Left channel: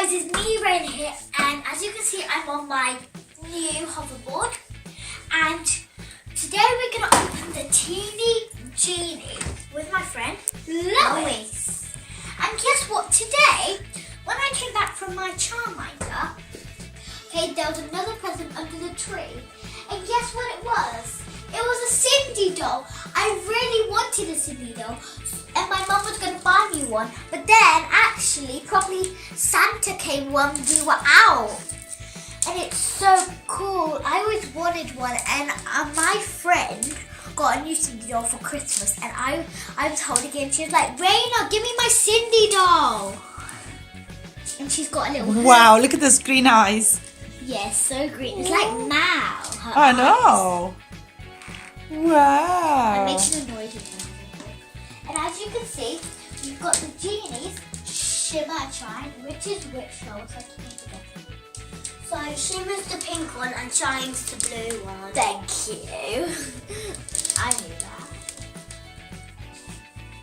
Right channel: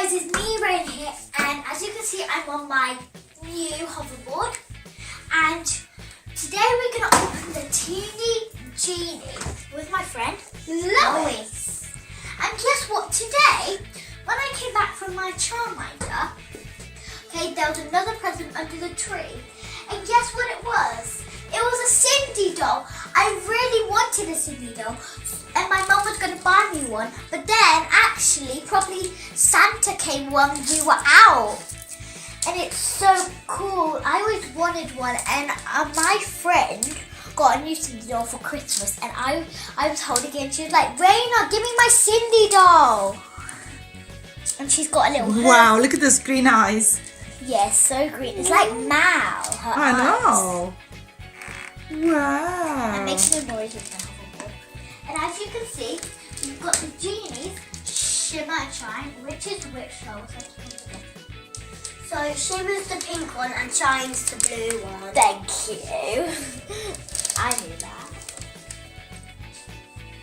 guys, it's me Rain here, and as you can see I'm on my new hoverboard, and today we're going to open the Teenie Genies with my friend Lois. And guess what, today when I came back from my childminder, okay, there was another present under the tree, and guess what it was? It was a Cindy doll. I really wanted a Cindy doll, and my mum was going to buy me one, but then actually probably Santa came when we were out, and it's so cool. I always wanted one, and my friend got a new Cindy doll for Christmas, and I was holding it, and she was like, Raina, give me my Cindy doll. And she's got a little Wow, look at those green eyes. Yeah, so green. It's like Mal. I know. Wow. It makes a noise with the hoverboard. And as you can see, we've got the Genies, Shimmer and Shine, which is which doll? So Shimmer's the pink one and Shine's the blue one. Thank you. I knew that.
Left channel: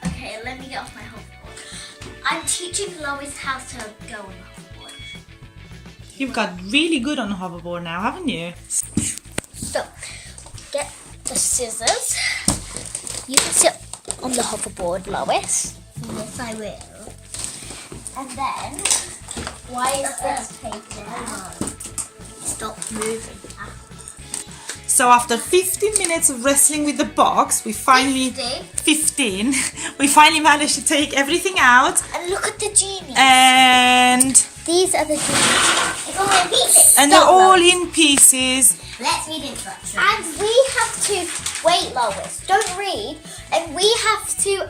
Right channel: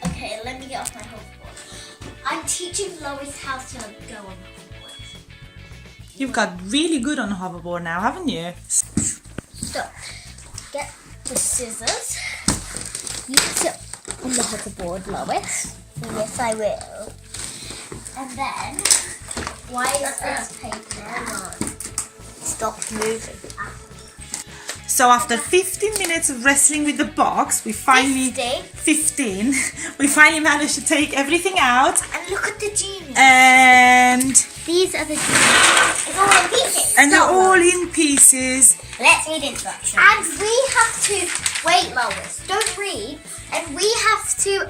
Okay, let me get off my hoverboard. I'm teaching Lois how to go on the hoverboard. You've got really good on hoverboard now, haven't you? So, get the scissors. You can sit on the hoverboard, Lois. Yes, I will. And then, why is this paper? Stop moving. So after 15 minutes of wrestling with the box, we finally... 15. We finally managed to take everything out. And look at the Genies. And These are the Genies. they're all in pieces. Let's read instructions. And we have to wait, Lois. Don't read. And we have to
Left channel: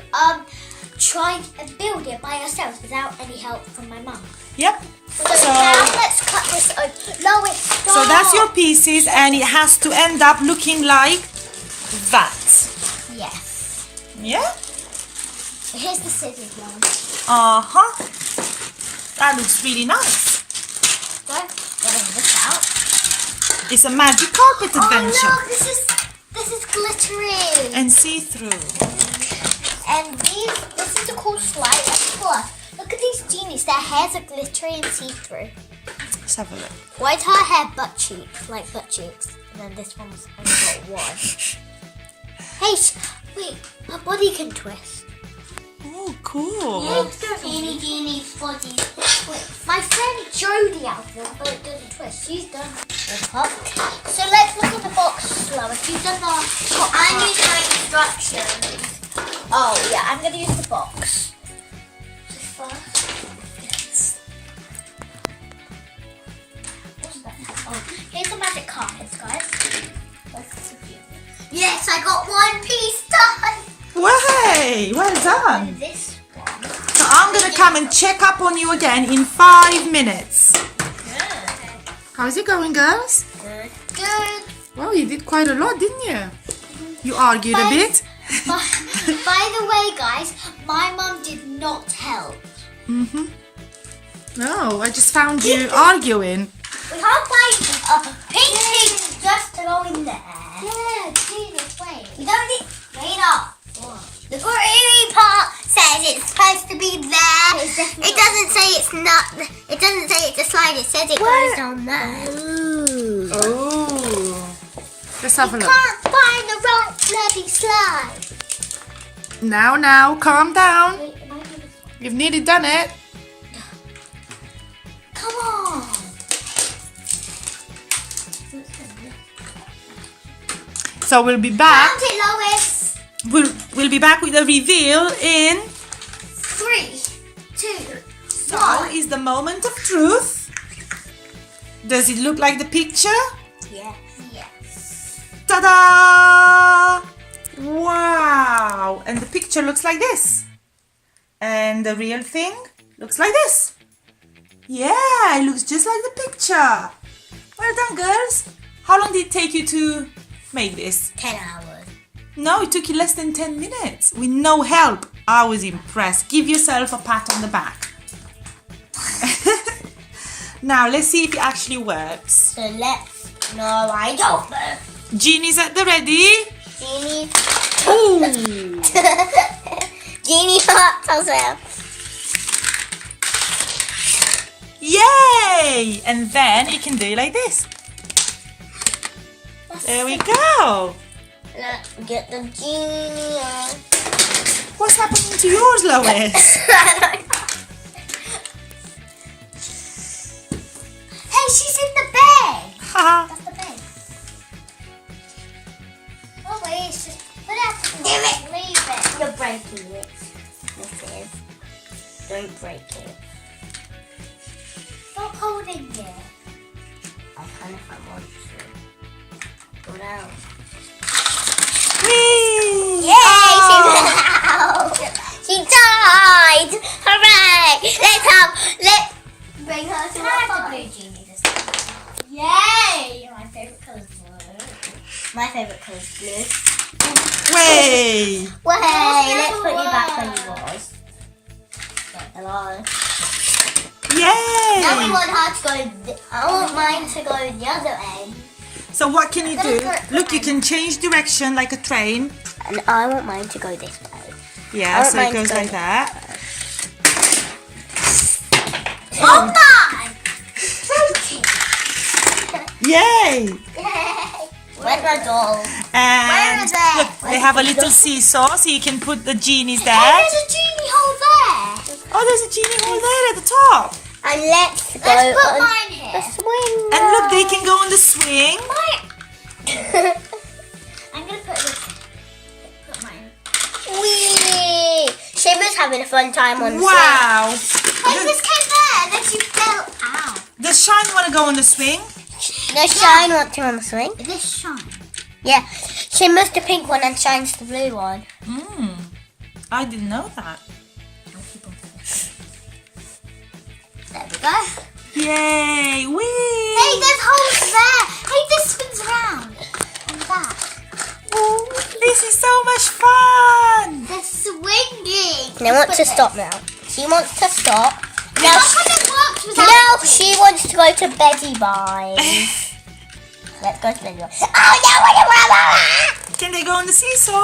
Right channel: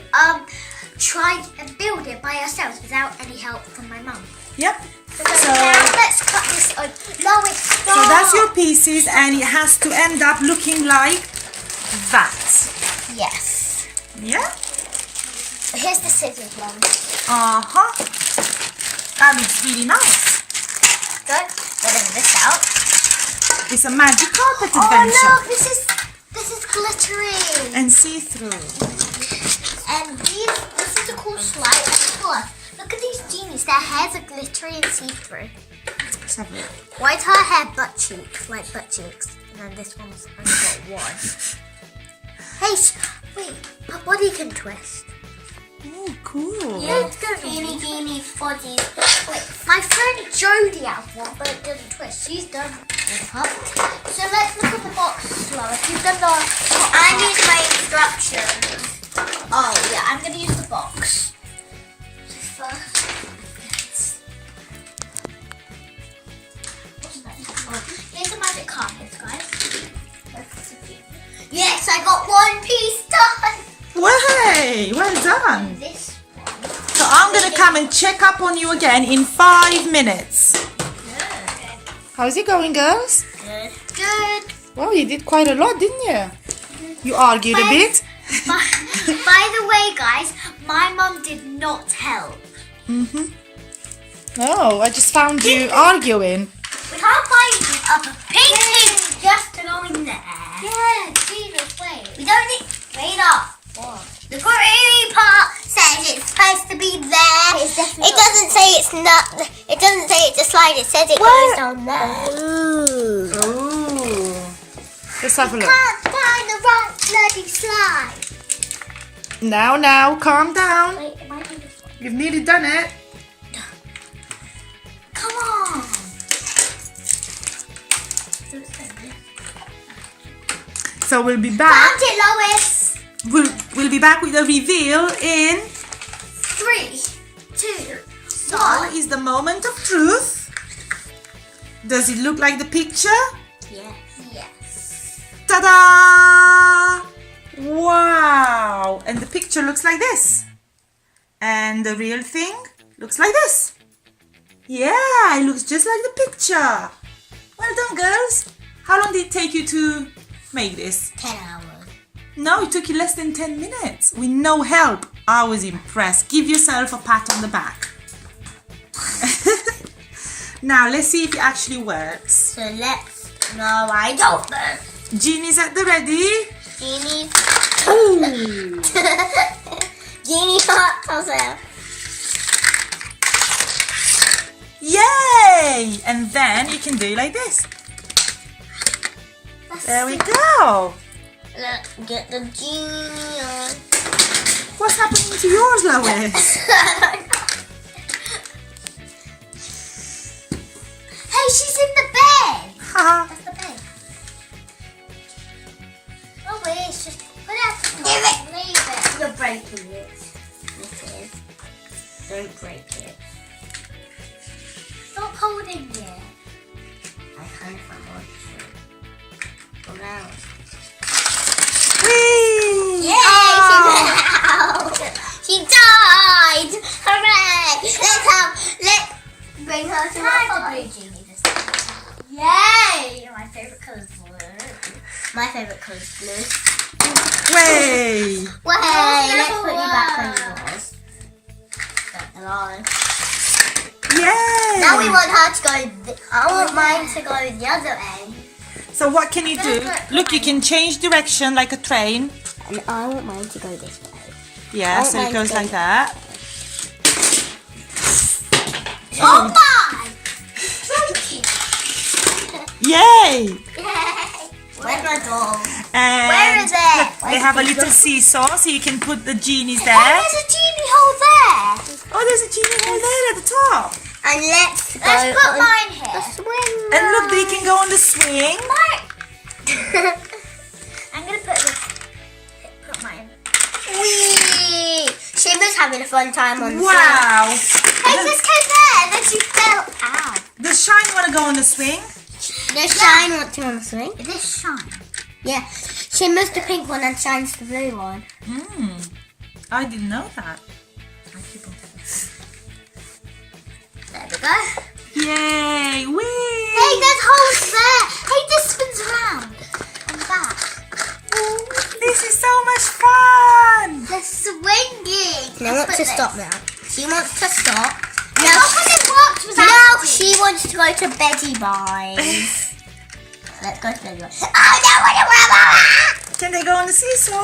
try and build it by ourselves without any help from my mum. Yep. So now let's cut this open. Lois, stop. So that's your pieces, and it has to end up looking like that. Yes. Yeah? Here's the scissors one. Uh-huh. That looks really nice. Good. Getting this out. It's a magic carpet adventure. Oh look, this is glittery. And see-through. And this is a cool slide. Look at these Genies. Their hairs are glittery and see-through. Let's have a look. Why is her hair butt cheeks, like butt cheeks? And then this one's only got one. Hey, wait, her body can twist. Oh, cool. Teenie Genies bodies. My friend Jodie has one, but it doesn't twist. She's done the top. So let's look at the box slower. She's done the top. I need my instructions. Oh yeah, I'm gonna use the box. Here's the magic carpets, guys. Yes, I got one piece done. Way, well done. And this one. So I'm going to come and check up on you again in 5 minutes. Good. How's it going, girls? Good. Good. Well, you did quite a lot, didn't you? You argued a bit. By the way, guys, my mum did not help. Mm-hmm. Oh, I just found you arguing. We can't find a pink thing just to go in there. Yeah, Jesus, wait. We don't need... Wait up. What? The green part says it's supposed to be there. It doesn't say it's not... It doesn't say it's a slide. It says it goes down there. Ooh. Oh. Let's have a look. Can't find the wrong bloody slide. Now, calm down. Wait, it might be this one. You've nearly done it. Come on. So we'll be back. Found it, Lois. We'll be back with a reveal in... 3, 2, So 1. is the moment of truth. Does it look like the picture? Yes. Yes. Ta-da! Wow! And the picture looks like this. And the real thing looks like this. Yeah, it looks just like the picture. Well done, girls. How long did it take you to make this? 10 hours. No, it took you less than 10 minutes with no help. I was impressed. Give yourself a pat on the back. Now, let's see if it actually works. So let's... No, I don't know. Genie's at the ready. Genie. Ooh! Genie hot herself. Yay! Yay! And then you can do it like this. There we go. Let's get the genie on. What's happening to yours, Lois? Hey, she's in the bed. Haha. That's the bed. Oh wait, it's just put it out to leave it. You're breaking it. This is. Don't break it. Stop holding it. I kind of want to. Go down. Whee! Yay! Oh. She died! Hooray! Let's bring her to Try the the blue blue genie this time. Yay! My favourite colour is blue. My favourite colour is blue. Way! Well, hey, let's never put you back when you work. was. Hello. Yay! Now we want her to go. I want mine to go the other end. So what can you do? Look, you can change direction like a train. And I want mine to go this way. Yeah, so it goes like that. Oh my! Joking. Yay! Where's my doll? And Where is it? look, they have a little seesaw, so you can put the genies Oh, there. there's a genie hole there. Oh, there's a genie hole there at the top. And let's go Let's put on mine the here. swing. And look, they can go on the swing. I'm gonna put mine. Whee! Shimmer's having a fun time on the swing. Wow. Hey, this came there and then she fell out. Does Shine want to go on the swing? Does Shine want to on the swing? Is this shine? Yeah. Shimmer's the pink one and Shine's the blue one. I didn't know that. There we go. Yay! Whee! Hey, there's holes there. Hey, this spins around on the back. This is so much fun. They're swinging. She wants to stop now. She wants to stop. Yeah, how come it works without Now it? she wants to go to Betty Bye. Let's go to Betty Bye. Oh no, what Can they go on the seesaw?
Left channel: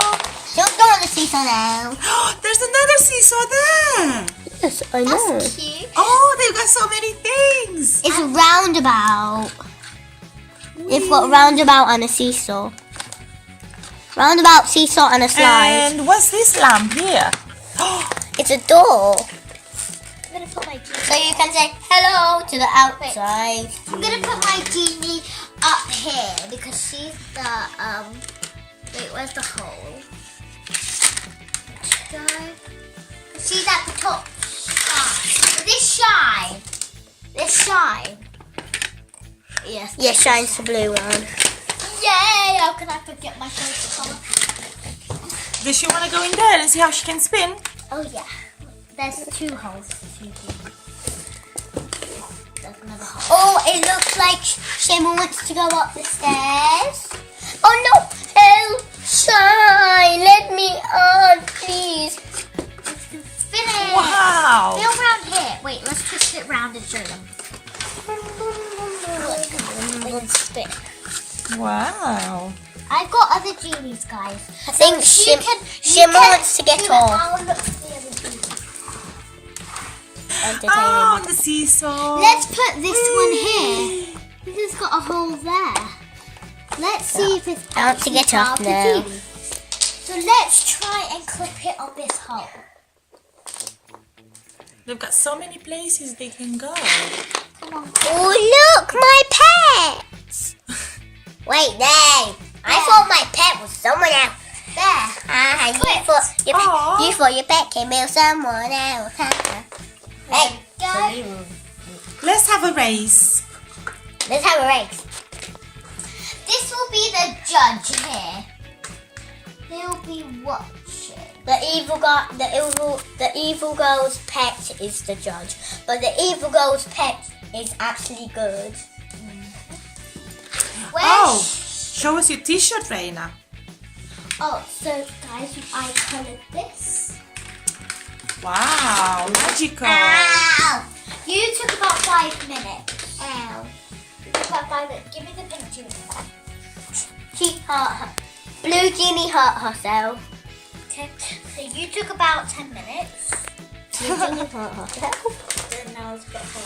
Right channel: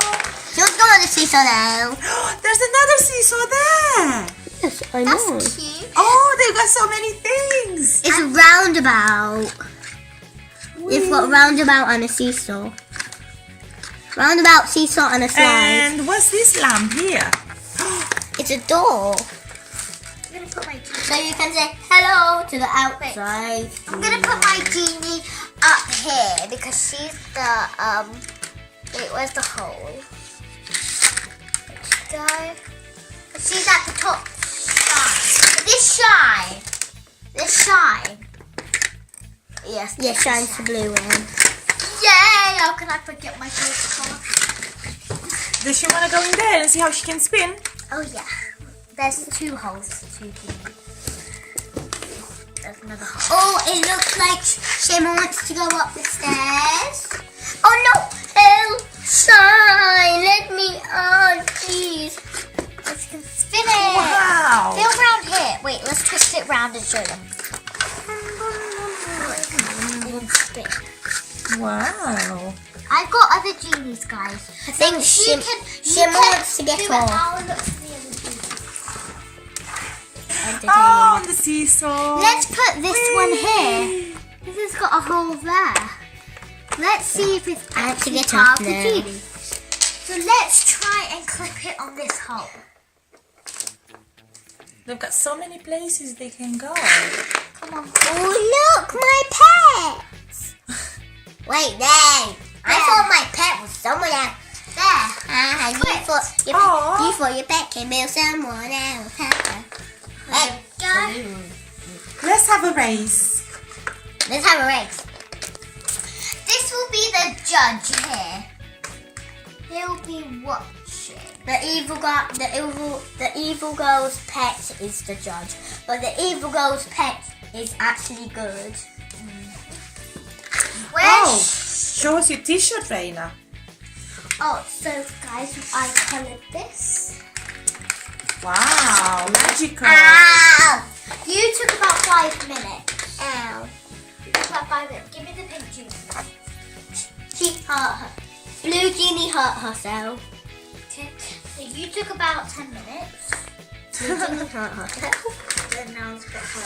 She wants to go on the seesaw now. There's another seesaw there. Yes, I That's cute. Oh, they've got so many things. It's a roundabout. It's got roundabout and a seesaw. Roundabout, seesaw and a slide. And what's this lamp here? It's a door. I'm gonna put my genie. So you can say hello to the outside. I'm gonna put my genie up here because she's the Wait, where's the hole? Let's go. She's at the top. Shine. This shine. Yes. Yeah, Shine's the blue one. Yay! How can I forget my favorite color? Does she want to go in there and see how she can spin? Oh yeah. There's two holes. Two genies. There's another hole. Oh, it looks like Shimmer wants to go up the stairs. Oh no! Help! Shine! Let me on, please. Let's can spin it. Wow. Feel around here. Wait, let's twist it round and show them. They can spin. Wow. I've got other genies, guys. I think So Shimmer wants to get do it. off. I'll look for the other genies. Oh, on the seesaw. Let's put this one here. This has got a hole there. Let's see if it's I want to actually get part off of the now. genie. So let's try and clip it on this hole. They've got so many places they can go. Come on. Oh, look, my pets. Wait, there. I thought my pet was someone else. There. You thought your pet came with someone else. Hey, Go. Let's have a race. let's have a race. This will be the judge here. He'll be watching. The evil girl's pet is the judge, but the evil girl's pet is actually good. Oh, show us your t-shirt, Reina. Oh, so guys, I coloured this. Wow, magical. Ow! You took about 5 minutes. Ow! You took about 5 minutes. Give me the pink genie. She hurt her. Blue Genie hurt herself. Okay. So you took about 10 minutes. Blue Genie hurt herself. Then now it's got her.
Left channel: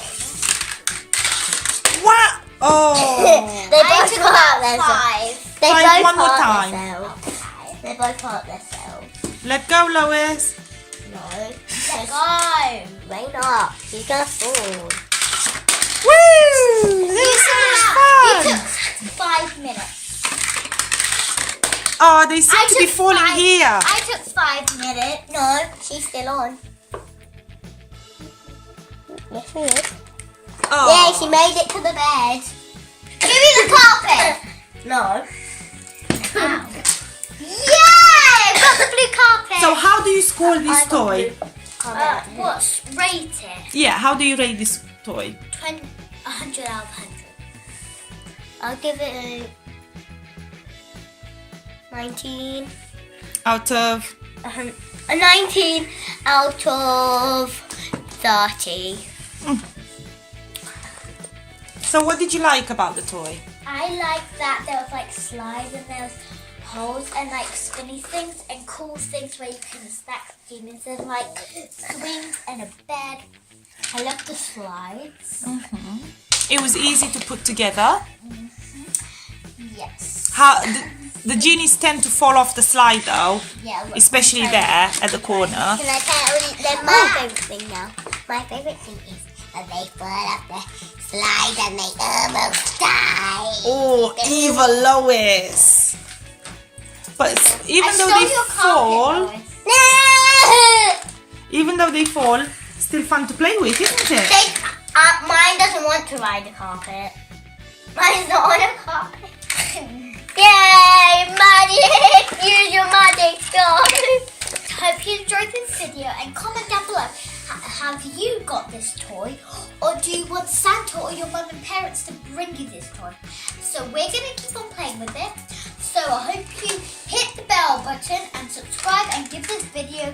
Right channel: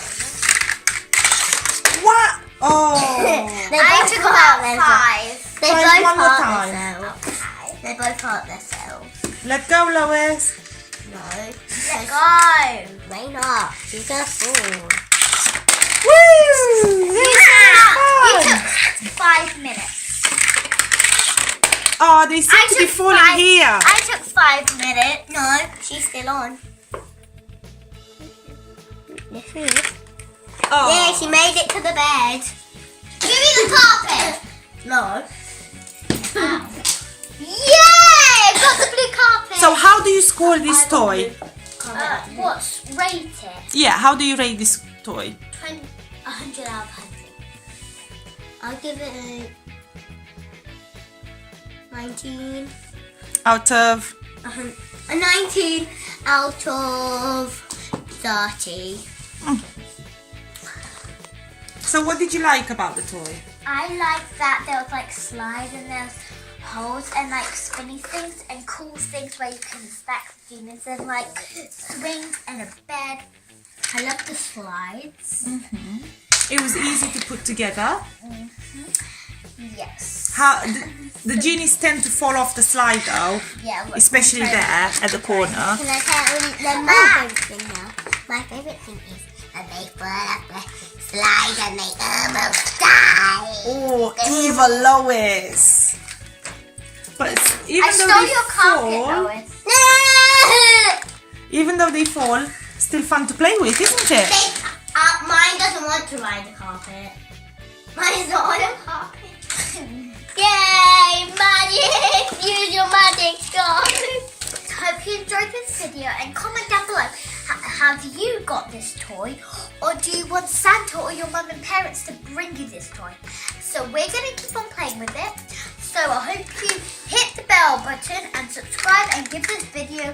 What? Oh. They I both took hurt about themselves. 5. They Try both one more hurt time. themselves. Okay. They both hurt themselves. Let go, Lois. No. Let go. Rain up. She's gonna fall. Woo! This was You fun. took 5 minutes. Oh, they seem I to be took falling 5 here. I took 5 minutes. No, she's still on. Yes, she is. Oh. Yeah, she made it to the bed. Give me the carpet. No. Ow. Yay! I've got the blue carpet. So how do you score this toy? What's rated? Yeah, how do you rate this toy? 100 out of 100. I'll give it a 19. Out of... A 19 out of 30. So what did you like about the toy? I like that there was like slides and there's holes and like spinny things and cool things where you can stack demons and like swings and a bed. I love the slides. It was easy to put together. Yes. How the genies tend to fall off the slide though, Yeah. look, especially I'm there at the corner. Can I tell you my favourite thing now? My favourite thing is that they fall up the slide and they almost die. Oh, evil Lois! But even I though stole they your carpet, fall, Lois. even though they fall, still fun to play with, isn't it? Mine doesn't want to ride the carpet. Mine's not on a carpet. Yay! Magic! Use your magic guys! Hope you enjoyed this video and comment down below. Have you got this toy, or do you want Santa or your mum and parents to bring you this toy? So we're going to keep on playing with it. So I hope you hit the bell button and subscribe and give this video